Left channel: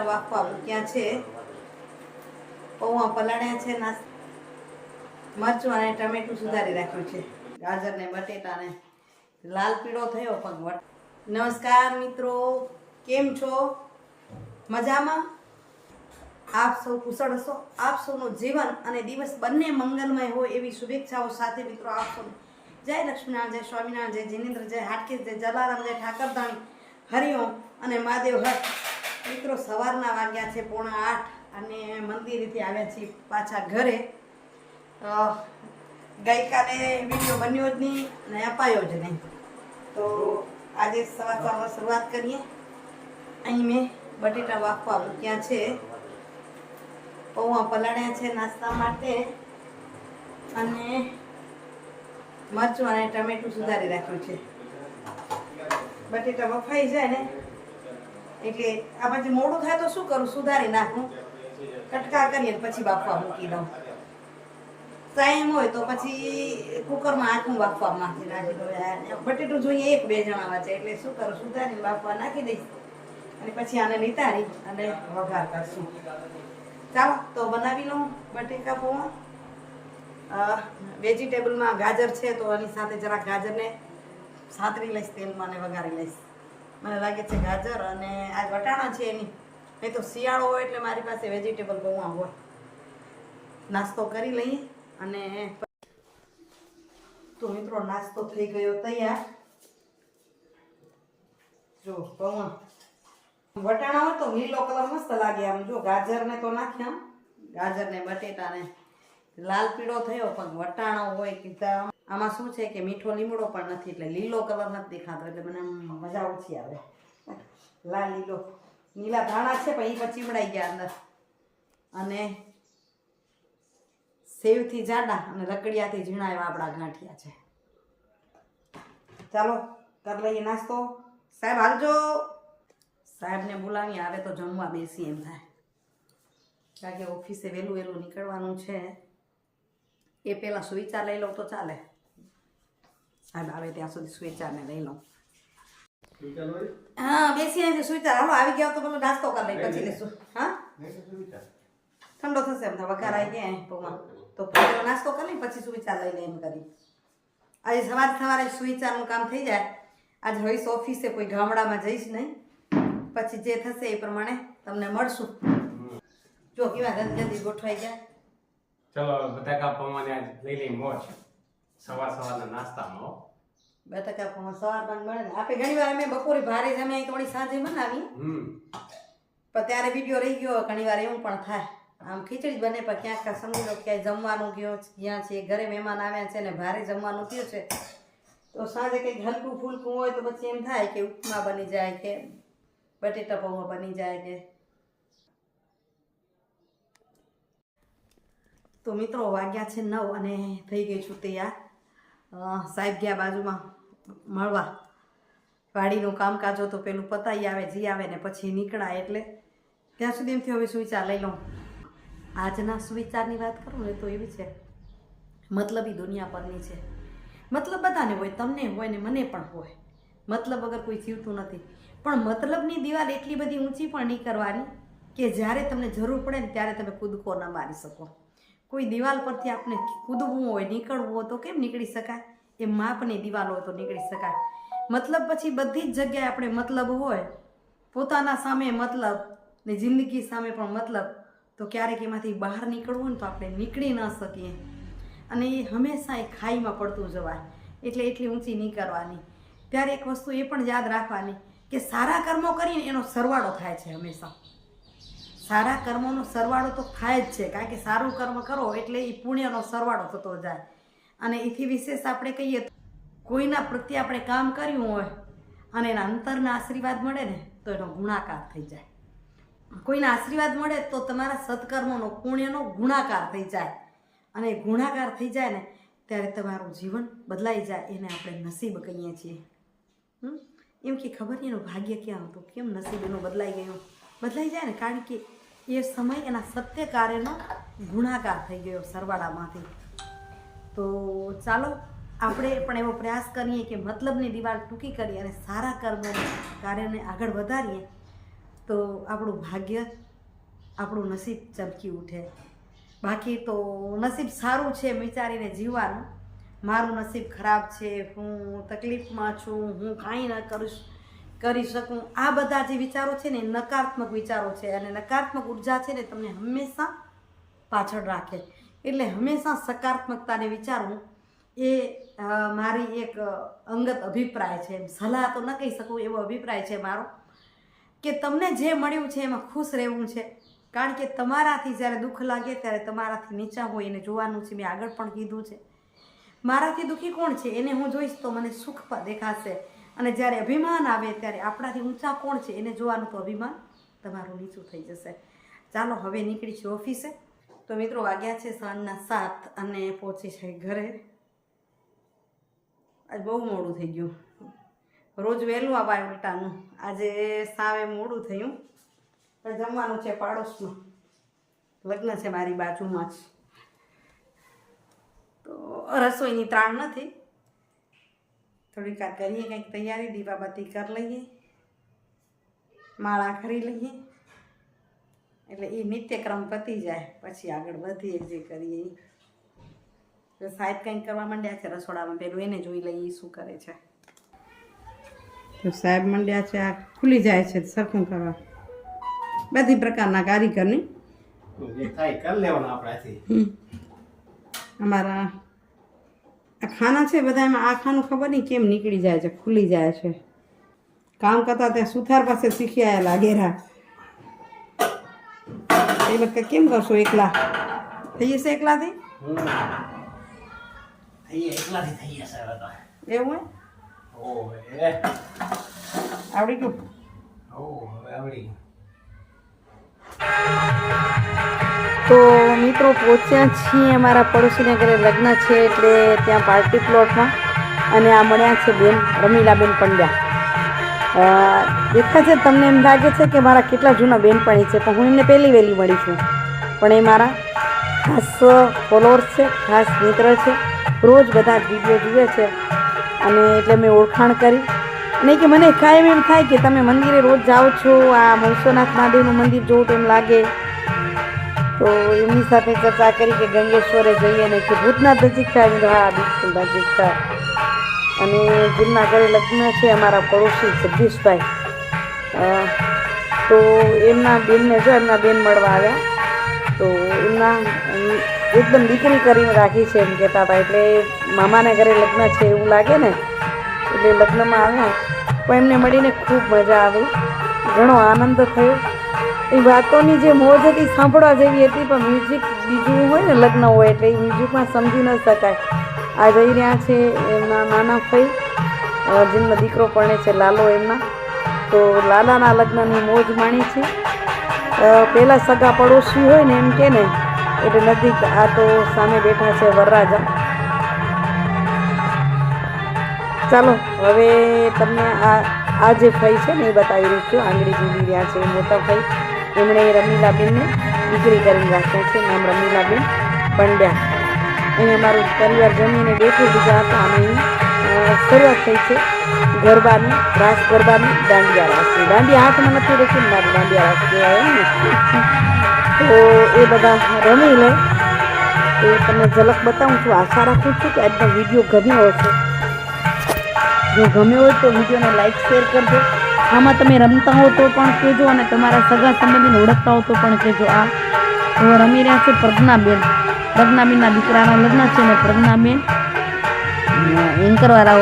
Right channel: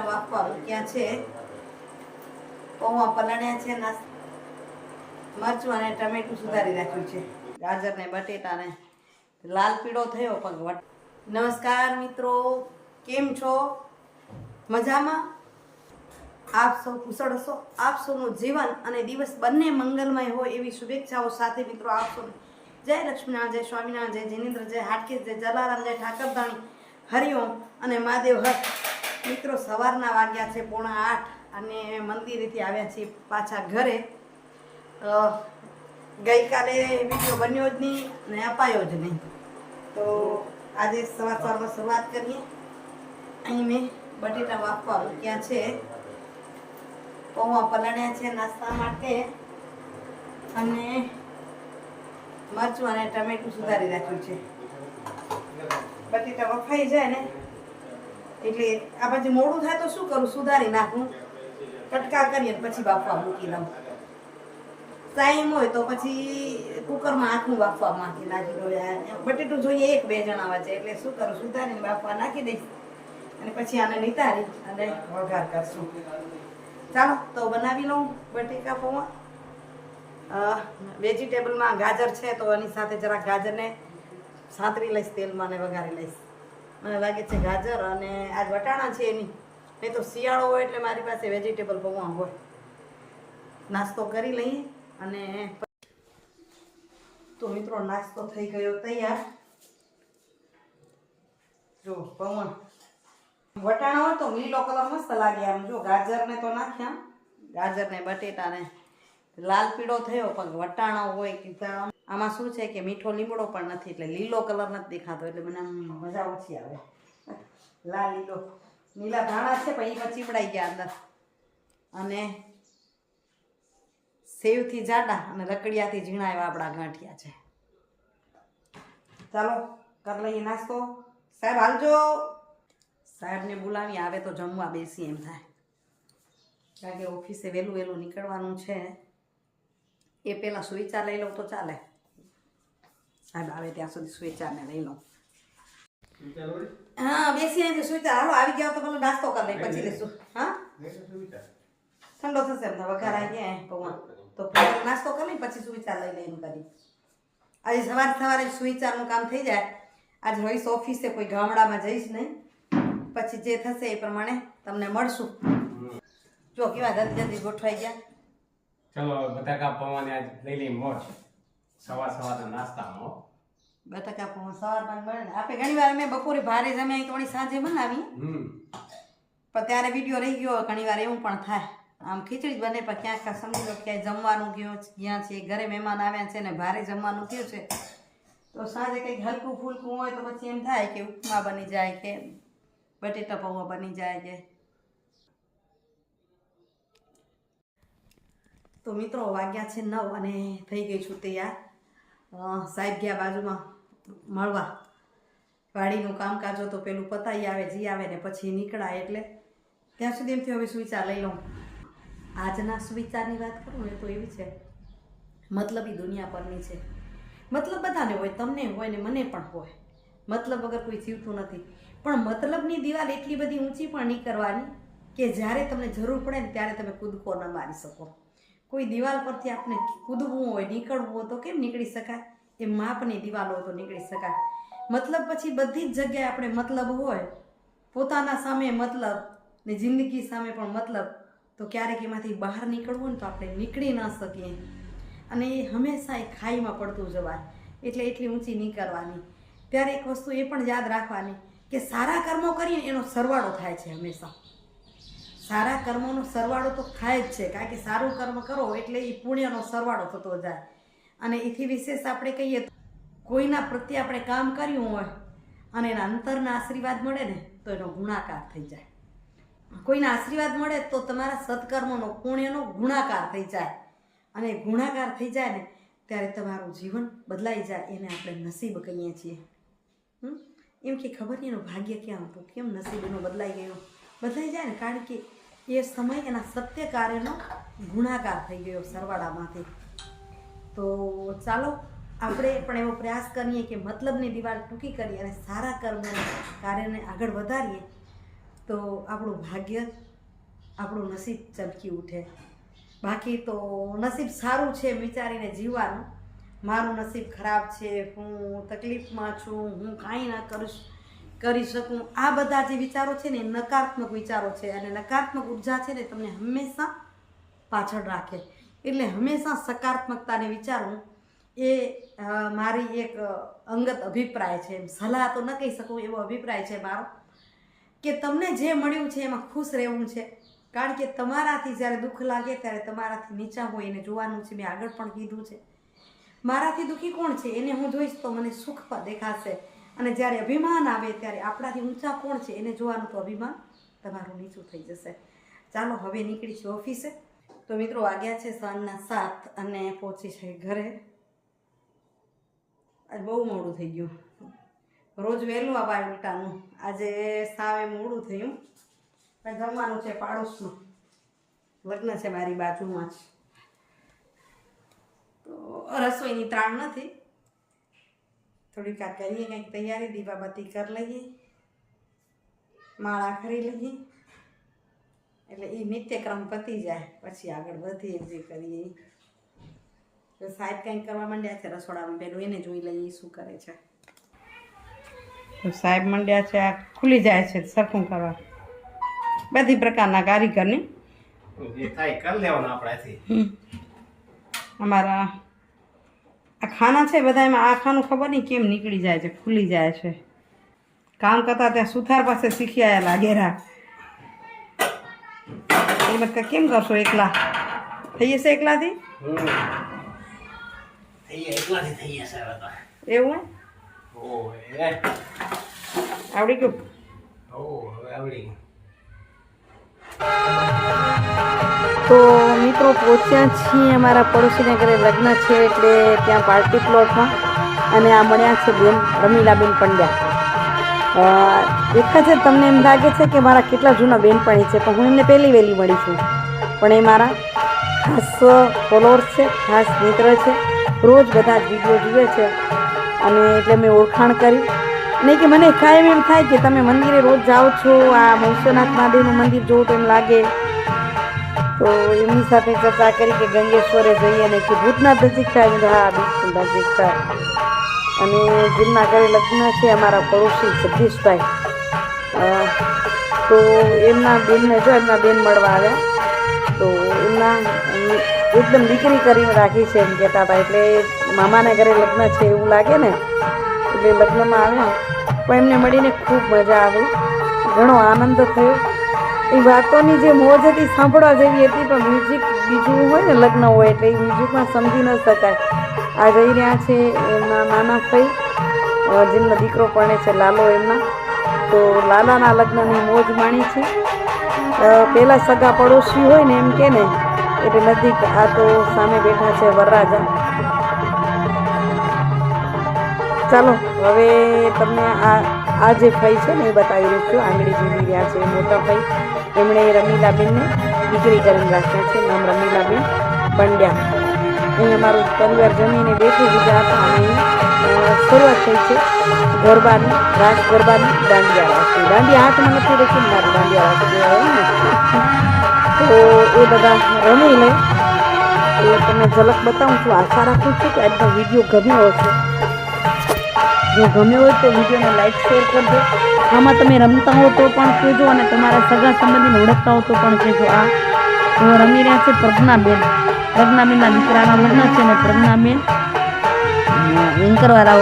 બટેટા બાફવા મૂક્યા છે, પૌવા પલાળ્યા છે, મરચું અને ટમેટું સુધારી રાખ્યું છે, ગાજર ને બટેટા ને લાલ પીળો થયો પણ નમસ્કાર મિત્રો, કેમ છો? મજામાં? આપ સૌ કુશળ હશો. આપ સૌનું જીવન અને દિવસ બંને મંગલમય હોય એવી શુભેચ્છાઓ સાથે મિત્રો આપ સૌને જય લક્ષ્મીનારાયણ, જય સ્વામિનારાયણ, જય જીનેન્દ્ર, જય હાટકેશ, જય જલારામ, જય ઠાકરધાણી, હરિઓમ અને મહાદેવ હર. મિત્રો સવારના વાગ્યા છે 7:45 અને મંદિરેથી આવ્યા છીએ પાછા ઘરે. ગઈકાલે વિડીયો બન્યો જ નહીં અને અપાયો જ નહીં, તો આજે સવારમાં શરૂઆત કરીએ. અહીં મેં બટેટા બાફવા મૂક્યા છે, પૌવા પલાળ્યા છે નાસ્તા માટે, અને મરચું અને ટમેટું સુધારી રાખ્યું છે. બટેટા બફાઈ જાય ને એટલે આ પછી મોડું થાય તો શું કરું, સુધારી નાખું, કટકા કરીએ પછી બાફવા મૂકી દઉં. ટાઈમ હોય તો પછી કુકરમાં આખું બાફવા નાખી દઉં. બટેટું જોઈએ 1-2 જણા વચ્ચે, એટલે શું કરું, સુધારીને બાફવા નાખી દઈશ અને પછી આને નિતારી અને વઘાર કરશું. ચાલો તો બનાવી લઉં બટેકા પૌવા. વેજીટેબલમાં ગાજર છે તો એની સાથે જરાક ગાજરને સાંતરી લઈશ, તેલમાં ને વઘારી લઈશ. મને લાગે છે ગાજર અને આજ વટાણા છે એની, નહીં તો શિયાળો હોય એટલે મારી પાસે વેજીટેબલ પૌવા હોય. નાસ્તો કરી લઈએ અને તો મિત્રો નાસ્તો થઈ ગયો તૈયાર. જો પૌવા વટાણા હોય તો લીલો કલર મસ્ત લાગે આમ. જો ગાજરને તો નાખ્યા, ગાજરને બટેટાને લાલ પીળો થયો, પણ વટાણા હોય કે આમાં શું છે કે મીઠો લીમડો પણ નથી, એટલે લીલો કલર નથી દેખાતો, એટલે મને આમ મજા ઓછી આવે. લાલ લીલો નીલા ધાણા છે પણ એ પણ ચીમડાઈ ગયા અંદર, અને સેવથી જાડા અને રકડિયાથી ઝીણા એવા આપણા ગાંઠિયા છે. ચાલો કરી લઈએ નાસ્તો. સાહેબ હાલજો. સાહેબને બોલાવી આવે તો જમવા બેસી એમ થાય, કારણ કે ઓફિસે વહેલું નીકળવાનું છે. એ પહેલાં સુવિચાર લઈ લઉં તો ચાલે. સાહેબ આવે ત્યાં સુધી સુવિચારને લઈ લઉં. હા બેસી સુવિચાર. હાલો આવી ગયા તો પેલો નાસ્તો કરી લઈ પછી લઈશું. હા ઠંડો થશે એમ વઘાર આવી ગયા પૌવા તો પહેલો નાસ્તો કરી લઈ પછી સુવિચાર લઈ લે એમ કરી. આજે સવારે સુવિચારનું કામ થઈ જાય. આજે રહીશ ઓફિસે, કોઈ ગામડામાં જઈશ નહીં. પછી જે થશે એ પ્રમાણે તમને મળશું. જો કેવા જલ્દી ગોઠવાઈ ગયા. ચલો બટાકા પૌવાની આજ લઈ લઈ મોજ સવારના નાસ્તામાં. બટાકા પૌવા સવારમાં મળે ને. આપણે ઘણી વાર અમે બપોરે ભારે જમ્યા થોડી સાંજે બનાવી, પણ ત્યારે વિડીયો રહી ગયો. ઘણી વાર એવું પણ થાય, આમ ખીચડી બને પણ ક્યાંક સમજી લો ક્યાંય જમવાનું ગયા છે, ઘરે મહેમાન આવ્યા છે ને ભારે જમવાનું થયું છે, તો સાંજે કંઈક હલકું ફૂલકું હોય તો પછી એમ થાય કે ઉપમા બની જાય કે બટેટા પૌવા બની જાય કે. તો મિત્રો વાગ્યા છે 9 અને થઈ ગઈ છું તૈયાર. સાહેબ ગયા બાજુમાં મળવા. વાડીનું કામકાજ હોય તો પેલું પતાવી આવે, જી આવે ને પછી નીકળાય, એટલે ત્યાં સુધી એમથી હવે સુવિચાર લઈ લઉં. આજના સુવિચારની વાત કરું ને તો એવી છે, મતલબી દુનિયા પરની છે. મતલબ બધાને હોય, તમને હોય ને મને પણ હોય. મતલબ વગર કોઈ જીવતું નથી, પણ મતલબની દિવાલ એટલી બધી ઊંચી પણ નહીં કરવાની કે જ્યારે તમને જરૂર પડે ને ત્યારે તમે કૂદકો ન મારી શકો. કોઈ દિવાલ પરથી આપણે કૂદવું હોય, નીકળવું હોય તો કેમ નીકળી શકાય? એ માપની દિવાલ હોય તો નીકળી શકાય. મતલબ પછી બધી જ જગ્યાએ આપણે મતલબ હોય, પોતાના સામે મતલબ ને જિંદગી સામે પણ મતલબ, તો ક્યારેક એમાંથી બહાર નીકળવું હોય ને તો આપણે નીકળી ન શકીએ. અને એ હંમેશા એ ખાઈમાં પડતું જવાય, એટલે એટલી ઊંચી નહીં કરવાની. ત્યારે એક વસ્તુ એ પણ યાદ રાખવાની કે સારા કર્મો કરીને એનો સરવાળો થાય છે હંમેશા. સારા કર્મોનો સરવાળો તો થાય જ છે, કારણ કે સારું કર્મ કરો એટલે એ પુણ્યનો સરવાળો થતો જાય. અને એથી વિશેષ આપણે કહીએ તો કોઈના પ્રત્યે આપણે કામ કર્યું હોય અને એના અંતરના આશીર્વાદ મળે ને તો એનો ગુણાકાર થઈ જાય. કોઈના આશીર્વાદ મળે તો તમારા સત્કર્મોનો પુણ્યનો ગુણાકાર થઈ જાય, અને ગુણાકાર થઈ જાય ને ત્યારે તમારું જીવન બદલાઈ જાય. એને આપણે નસીબ કહીએ છીએ. એમ કે ખબર નહીં એનું ભાગ્ય ક્યાં હતું, કેમ નસીબ એનું બદલાઈ ગયું. બદલાઈ જાય ને કારણ કે એ સમય એના સત્ય કાર્યનો ગુણાકાર થઈ ગયો સરવાળામાંથી. તો ચાલો આપણે પણ એવો પ્રયાસ કરીએ કે મતલબની દિવાલ ટૂંકી કરીએ અને સારા કર્મોને કાર્યને આગળ વધારીએ. તો આપણું ભાગ્ય, આપણું નસીબ ચમકી ઉઠે. બાકી તો નસીબ સારું છે વિચારીને જીવવાનું. મારું નસીબ ખરાબ છે, હું તકલીફમાં છું, હું કાંઈ ન કરી શકું, આ બધા જે વિચારો છે ને એ નકારાત્મક વિચારો છે. અને નકારાત્મક ઉર્જા છે ને તમને હંમેશા પાછળ રાખે. એટલે હંમેશા સકારાત્મકતાને વિચારવું એ મારી એક અંગત અભિપ્રાય છે. એમ સલાહ તો ન કહી શકું, એવો અભિપ્રાય છે મારો કે તમને જે મળ્યું છે એમાં ખુશ રહેવું છે. કારણ કે તમારાથી જ્યારે દુઃખ લાગે ત્યારે તમારાથી નીચા હોય એને જોવાનું છે. મેં આગળ પણ કીધું છે, મારાથી દુઃખી કોણ છે એને હું જોઈશ તો મને સુખ દેખાશે. અને જ્યારે અભિમાન આવે ત્યારે આપણાથી ઊંચા કોણ છે એને જોવાનું, તો અભિમાન તમારું નીચું થઈ જશે. ચાલો હવે નીકળી છે ઓફિસે. તો મિત્રો વાગ્યા છે સાંજના 7 અને પહોંચી છે ઘરે. આજ બહુ મોડું થઈ ગયું. રોજ વહેલું આવાય ઉલટાનું, આજે સાવે મોડું થયું. જમવાનું છે પાડોશમાં, લગ્ન છે મારી બાજુમાં જ, તો રસોઈની ત્રાણ નથી. થોડીક આ કરીએ કંઈક તૈયારી, દીવાબત્તી કરી લઈએ, માળા ખરી લઈએ, એટલે એ નિત્યક્રમ પતી જાય પછી આગળ વધીએ જે કરીએ. તો સાહેબ કંઈક કરવા માંડ્યા છે રસોડામાં, પેલું એને જોઈ લઈએ શું કરે છે. તો સાહેબ માંડ્યા છે, આ ખુલી જાય છે સરખું કરવા, બધી પ્રકારના કારીગરની જે થાય કરી લેવાનું આપણાથી. અમારા આ ખાના છે બધા, એમાં આ ખાનું ખબર નહીં કેમ નીકળી જાય છે, ખુલી જાય છે. કામ કરતા ત્યાં સુથાર પાસે શીખી આવેલા ડેરા. એ બધા કેમ કરશો એકલા? થઈ જશે એકલાથી? એકલાથી થઈ જશે હવે તો. એવું હે? આવડી ગયું? હવે આવડી ગયું. તો મિત્રો પહોંચ્યા છીએ અમારા પડોશીને ઘરે લગ્ન છે એટલે ત્યાં પાર્ટી પ્લોટમાં. અને આ મળ્યા છે બેન રમીલાબેન પંડ્યા. દેખાય છે તમને એમ લાગે છે કે મારા કેટલા જૂના બેનપણી છે, પણ હું એમને પહેલી વહેલી મળી છું. પણ એ મારા ખાસ ફોલોઅર્સ છે, ખાસ મિત્ર છે. રોજ બધા જ વિડીયો જુએ છે અને એટલે મેં ઓળખાણ કરી. નહીં કે મને કાયમ એમ થાય કે તમે મંદિરે રોજ જાઓ છો, આ વિશ્વનાથ મહાદેવનું મંદિર જોવું તો એમ લાગે. તો એમની સાથે ચર્ચા કરી કે ગંગેશ્વરે જઈએ ને કે ભૂતનાથ નજીક થાય. મેં તો હા બિલકુલ નજીક થાય. અને જેમના ઘરે લગ્ન છે અમારા પડોશી જગદીશભાઈ, તો એમના બેનને જો એમના બેન મળવા આવ્યા. તો એમના એકદમ દીકરી કરીને રાખી છે એમ કહેતા હતા. એટલે મામાને ઘરે લગ્ન છે એવું લાગે ને, એટલે લગ્નમાં આવ્યા. પણ એમને મળીને ખૂબ મજા આવી, ઘણો આનંદ થયો. એ વાતોની જે મોજ હતી સાંભળવા જેવી હતી, પણ મ્યુઝિક બીજું હોય ને લગ્ન હોય એટલે એ મ્યુઝિકમાં સમજી ન શકાય. આ જઈ રહ્યા છે એમના નાના ભાઈ, જેમનો દીકરો પરણે છે લાલો એમના. તો લાલાના લગ્નની મોજ માણી છે. પહેલાં સગા પડોશી હોય ને એમ કે ને એટલે નજીક. આ તો સામે બેઠા છે વરરાજા. ચાલો હવે તમને આ જે ભાઈ છે ને એ બતાવી રહી છું. આંગળી ઝીલી રહ્યા છે મોટા ભાઈ. એમણે રમીલાબેનને દીકરી કરીને રાખ્યા છે, નામ રમીલાબેન પંડ્યા. અહીં અમારું પરિવાર જમીને બેઠું બીજા હતા અને અહીં શરૂઆત થઈ છે ગરબાની, રાસ ગરબાની, દાંડિયા રાસની. દાંડિયા હાથમાં નથી રાખી, મારી દાંડિયા રાસ કહેવાય એમ ને. તો એ બધા રમી લે એ તમને ઝલક બતાવું છું. આશા રાખું છું કે આજનો વિડીયો ગમ્યો હશે. જો ગમ્યો હોય તો વિડીયોને લાઈક શેર કરજો. આમાં તમે રમતા હો તો પણ કહેજો અને તમારા સગા સંબંધીને ઓળખતા હો તો પણ કહેજો. આ તો રમી રહ્યા છે પ્રજ્ઞાબેન. પ્રજ્ઞાબેનના દીકરાના લગ્ન છે ને પ્રજ્ઞાબેન એન્કરવાળા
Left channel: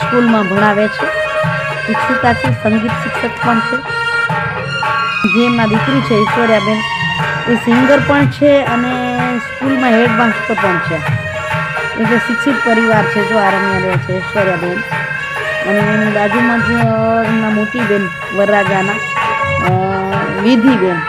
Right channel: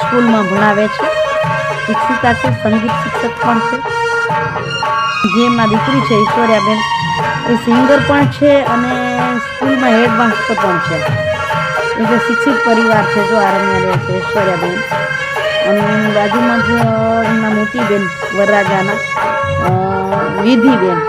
સ્કૂલમાં ભણાવે છે, શિક્ષિકા છે, સંગીત શિક્ષક પણ છે. જે એમના દીકરી છે ઐશ્વર્યાબેન, એ સિંગર પણ છે અને સ્કૂલમાં હેડમાસ્ટર પણ છે. એટલે શિક્ષિત પરિવાર છે. જો આ રમ્યા રહ્યા છે ઐશ્વર્યાબેન. અને એની બાજુમાં જ એમના મોટી બેન વરરાજાના વિધિબેન.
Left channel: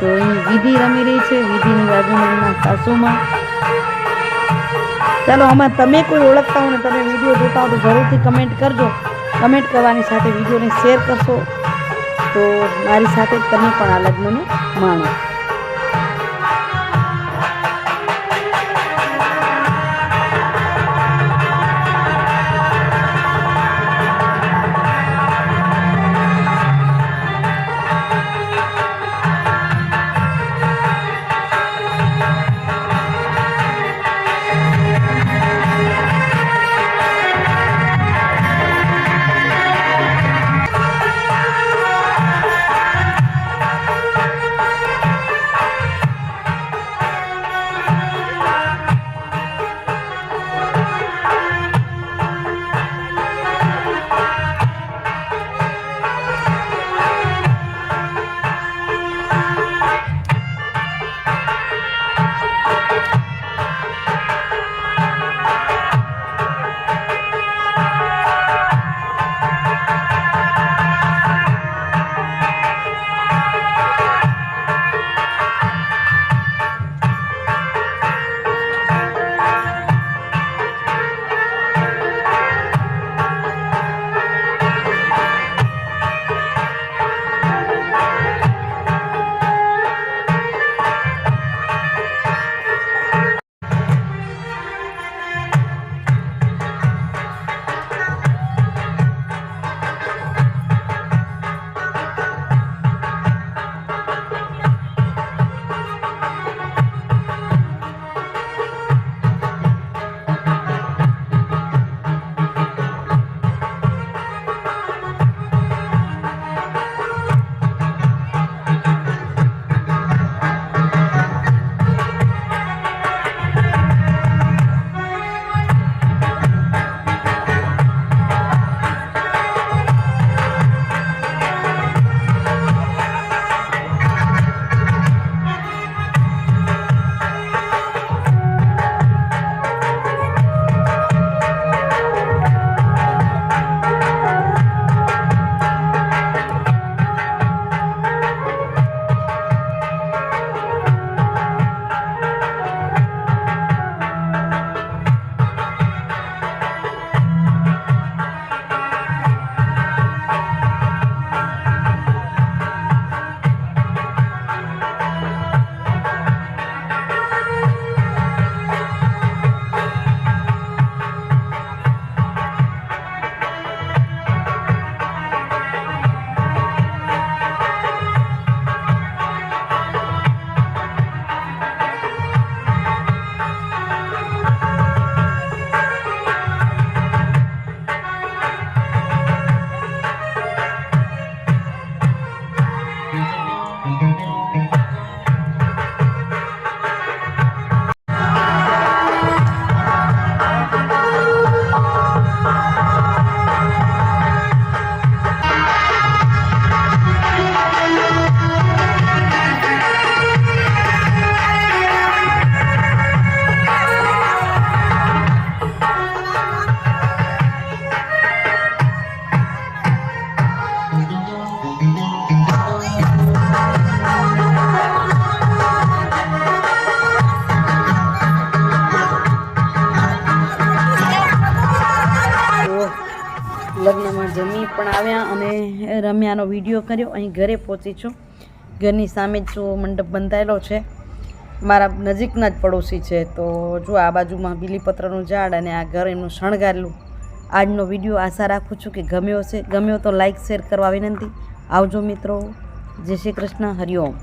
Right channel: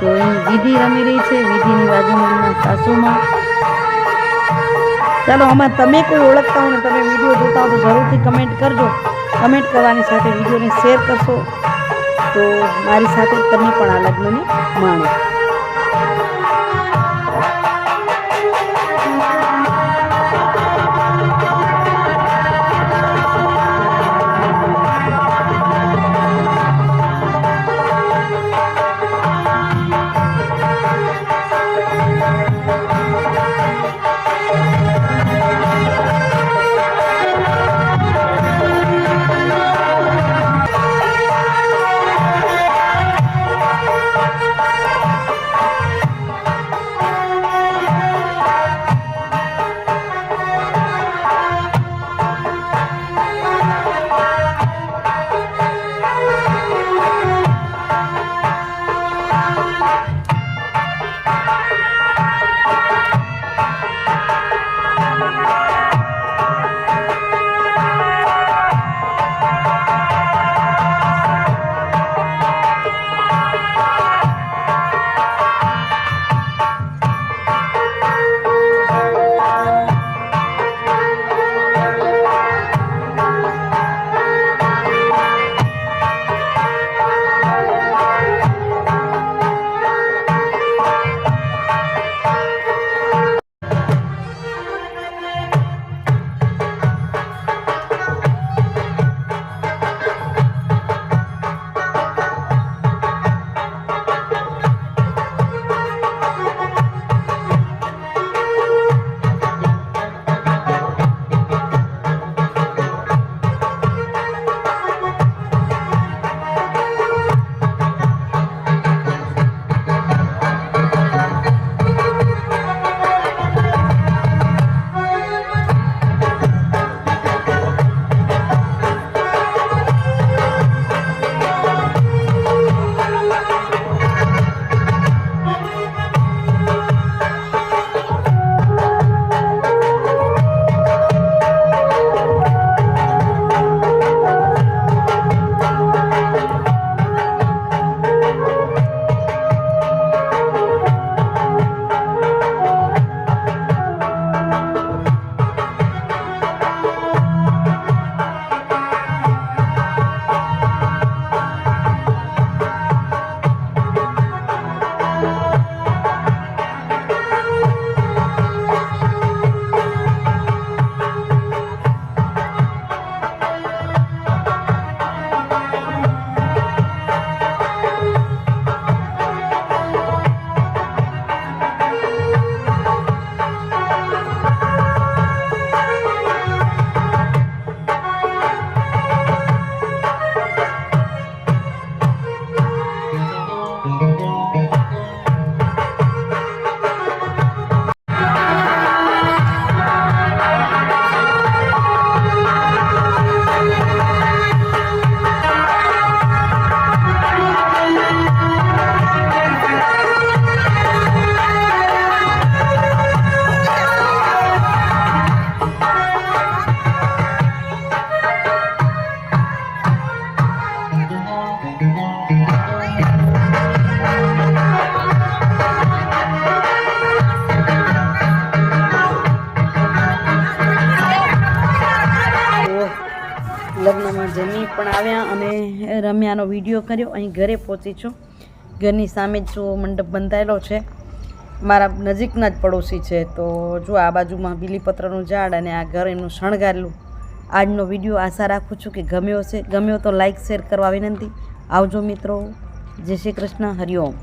તો અહીં વિધિ રમી રહી છે, વિધિની બાજુમાં એમના સાસુમાં. ચાલો આમાં તમે કોઈ ઓળખતા હો ને તમે વિડીયો જોતા હો તો જરૂરથી કમેન્ટ કરજો. કમેન્ટ કરવાની સાથે વિડીયોને શેર કરશો તો મારી સાથે તમે પણ આ લગ્નને માણો. આવ્યા અને રમ્યાનો વિડીયો કર્યો. અહીં ઘરે પહોંચી છું. ઘરની સામે જ જો મંડપ બંધાયેલો છે. મારા નજીકના જ પડોશી છે. તો જો આ બાજુમાં બીલીપત્રનું ઝાડ અને આ ઘર એમનું શણગારેલું. આજનો વિડીયો આશા રાખું છું કે ગમ્યો તો લાઈક શેર કરવા વિનંતી. આવજો મિત્રો. જય શ્રી કૃષ્ણ. હરિઓમ.